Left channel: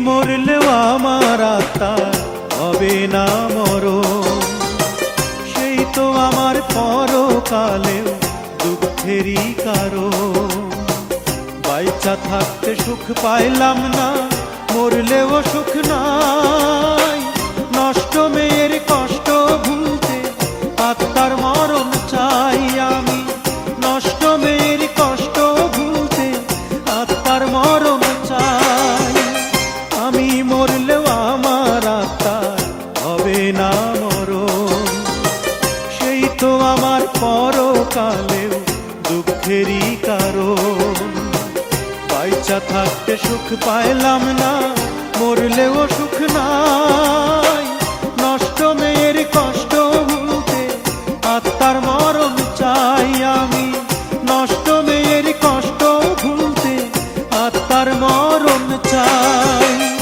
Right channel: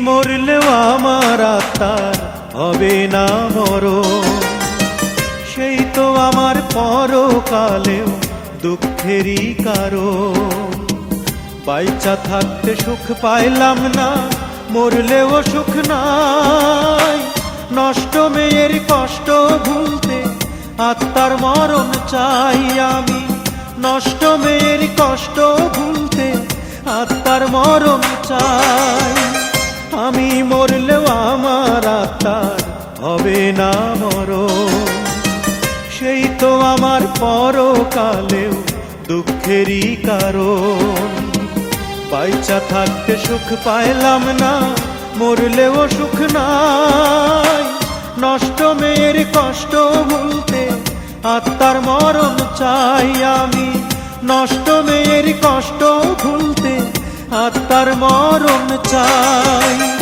মরলেও আমার আত্মার হবে না মরণ। সেই তো আমার পরকালেও দুঃখেরই কারণ। বাইচা থাকতে সুখ পাইলাম না, মরলেও সুখ নাই। নষ্ট মেয়ের কষ্ট ভুলতে আত্মার মরণ চাই আমি। নষ্ট মেয়ের কষ্ট ভুলতে আত্মার মরণ চাই। আমি মরলেও আমার আত্মার হবে না মরণ। সেই তো আমার পরকালেও দুঃখেরই কারণ। বাইচা থাকতে সুখ পাইলাম না, মরলেও সুখ নাই। নষ্ট মেয়ের কষ্ট ভুলতে আত্মার মরণ চাই আমি। নষ্ট মেয়ের কষ্ট ভুলতে আত্মার মরণ চাই।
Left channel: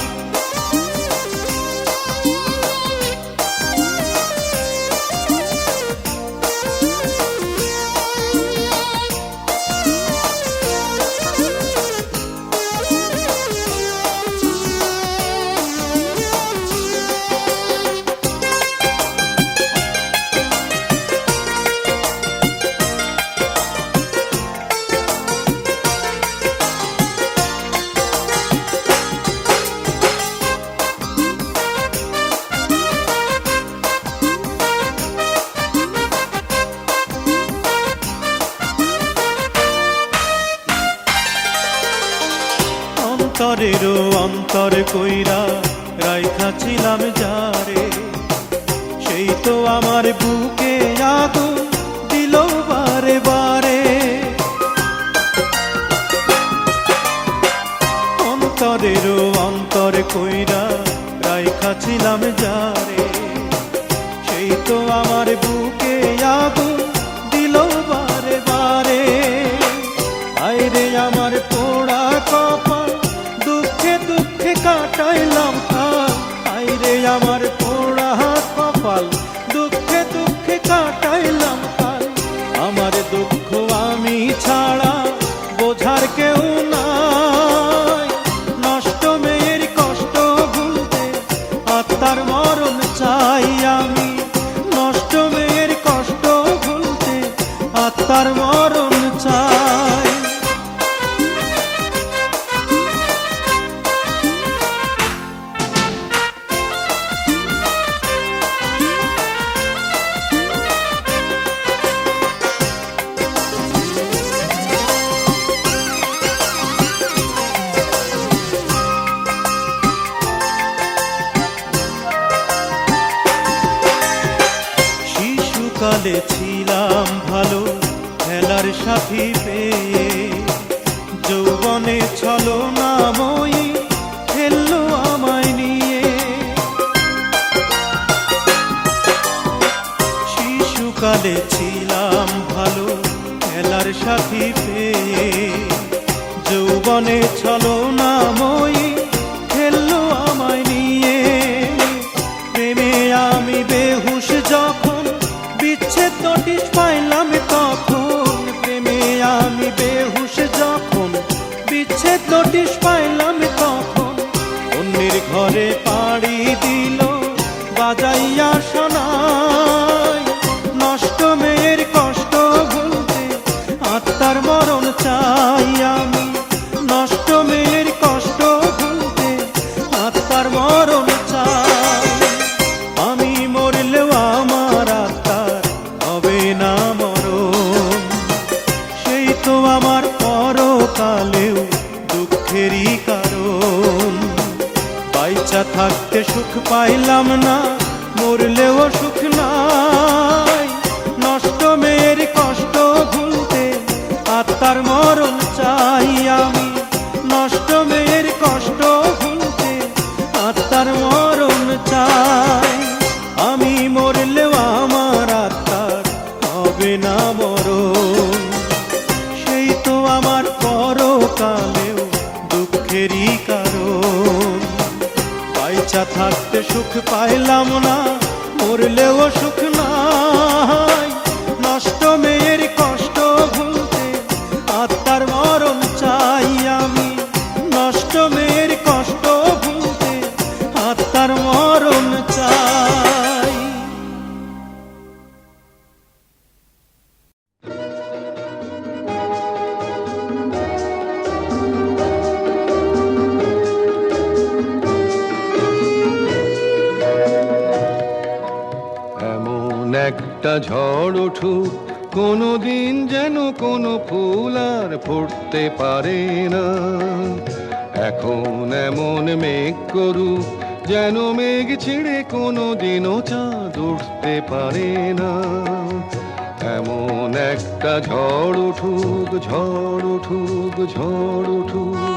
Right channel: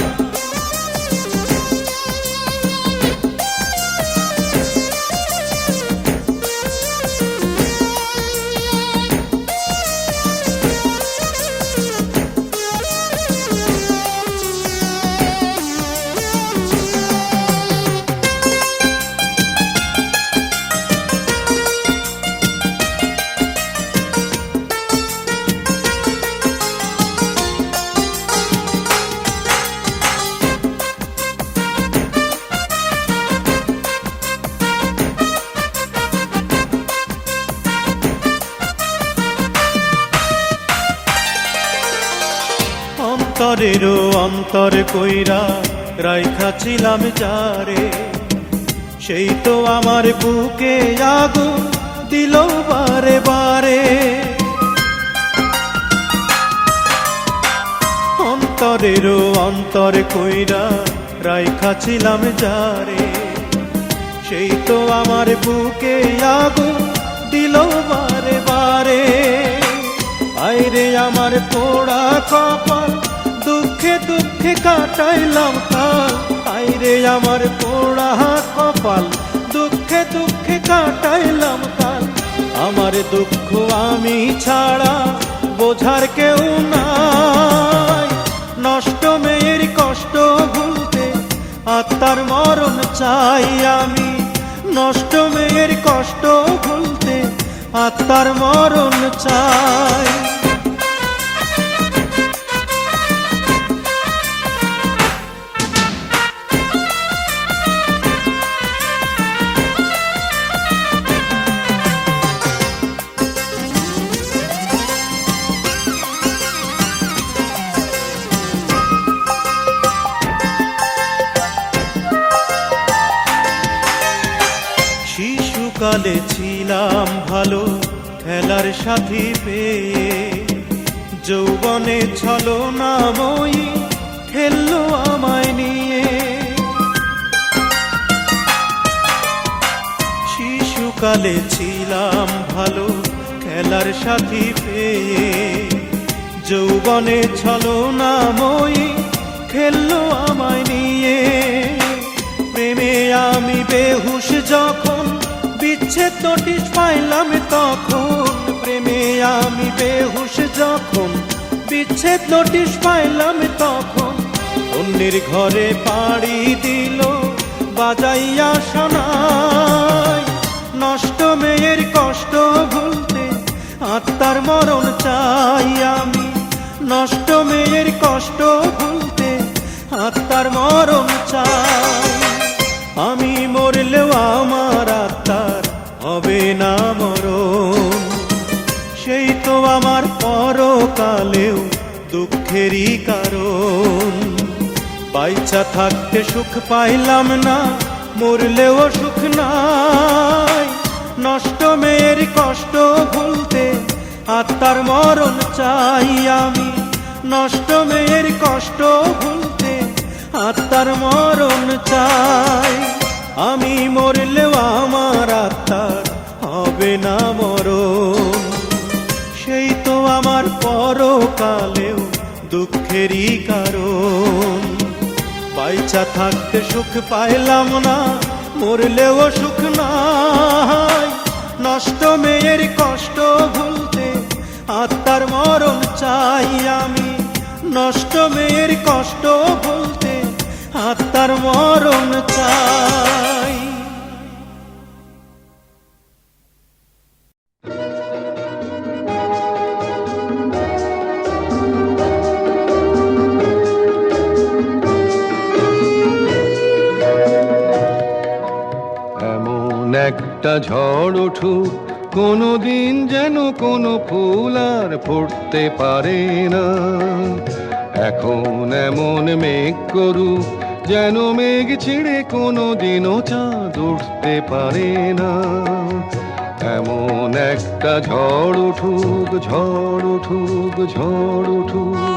অন্তরেরও অন্তর কইরা রাইখা ছিলাম যারে। সেই তো আমার বুকে আগুন দিল বারে বারে। অন্তরেরও অন্তর কইরা রাইখা ছিলাম যারে। সেই তো আমার বুকে আগুন দিল বারে বারে। আইরে আমার পোড়া কপাল দুঃখে দুঃখে কাটাইলাম কাল আইরে আমার পোড়া কপাল, দুঃখে দুঃখে কাটাইলাম কাল। আমার দুঃখ আমি ছাড়া বোঝার কেউ নাই। নষ্ট মেয়ের কষ্ট ভুলতে আত্মার মরণ চাই আমি। নষ্ট মেয়ের কষ্ট ভুলতে আত্মার মরণ চাই। শিশুকালে ছিলাম ভালো, খেলার সাথী পেয়ে। যৌবনে ছলো নামই খেললো আমায় নিয়ে। শিশুকালে ছিলাম ভালো, খেলার সাথী পেয়ে। যৌবনে ছলো নামই খেললো আমায় নিয়ে। প্রেমে আমি বেহুশ যখন বিচ্ছেদ নোটিশ পাইলাম তখন। প্রেমে আমি বেহুশ যখন বিচ্ছেদ নোটিশ পাইলাম তখন। অন্যের ঘরে পাড়ি দিল বাজাইয়া শোনায় নষ্ট মেয়ের কষ্ট ভুলতে আত্মার মরণ চাই আমি। নষ্ট মেয়ের কষ্ট ভুলতে আত্মার মরণ চাই। মরণ সেই তো আমার পরকালেও দুঃখেরই কারণ। বাইচা থাকতে সুখ পাইলাম না, মরলেও সুখ নাই। নষ্ট মেয়ের কষ্ট ভুলতে আত্মার মরণ চাই আমি। নষ্ট মেয়ের কষ্ট ভুলতে আত্মার মরণ চাই। আমি মরলেও আমার আত্মার হবে না মরণ। সেই তো আমার পরকালেও দুঃখেরই কারণ। বাইচা থাকতে সুখ পাইলাম না, মরলেও সুখ নাই। নষ্ট মেয়ের কষ্ট ভুলতে আত্মার মরণ চাই আমি। নষ্ট মেয়ের কষ্ট ভুলতে আত্মার মরণ চাই। একটা ঝড় উঠুক কোনো দিন যেন কোনো ফুল আর ফুটতে পারে না। এখন এমন মেঘ করুক, যেন মেঘ ছিঁড়ে কোনো দিনও চাঁদ উঠতে পারে না। এমন একটা ঝড় উঠুক ঝড় উঠুক ঝড় উঠুক।